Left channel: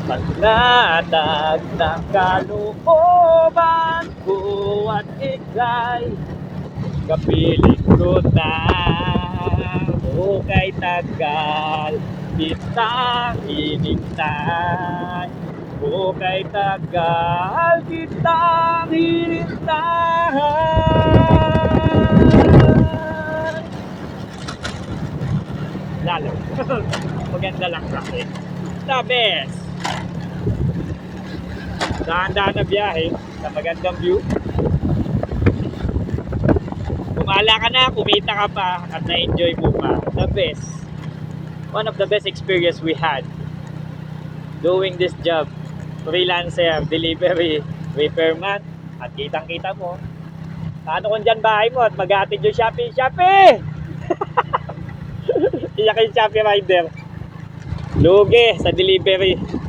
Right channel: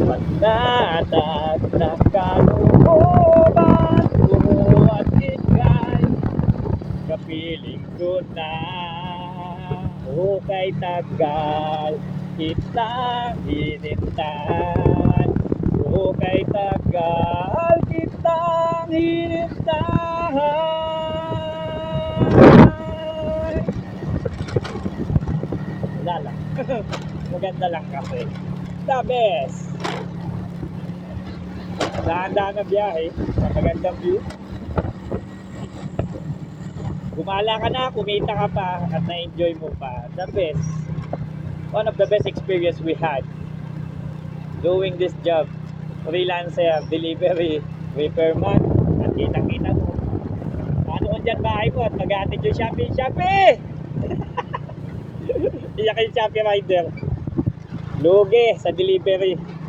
Panatag ng kalooban ko at ikay Kapiling ko na O kay tagal kitang hinintay O kay tagal kitang hinintay Wala lang. Maganda lang kasi. The best. Dahan-dahan na biyahe sa magandang view. Kumala ka na, kumita ka pa, at na-enjoy mo pa. The best. One of the best experience we had doing this job. Freelancer, delivery, repairman, at kitang-kita mo. Paano kung dyan bahay mo at mag-aatid yung Shopee? Shopee! Iyak yung Shopee rider. Lugi sa delivery.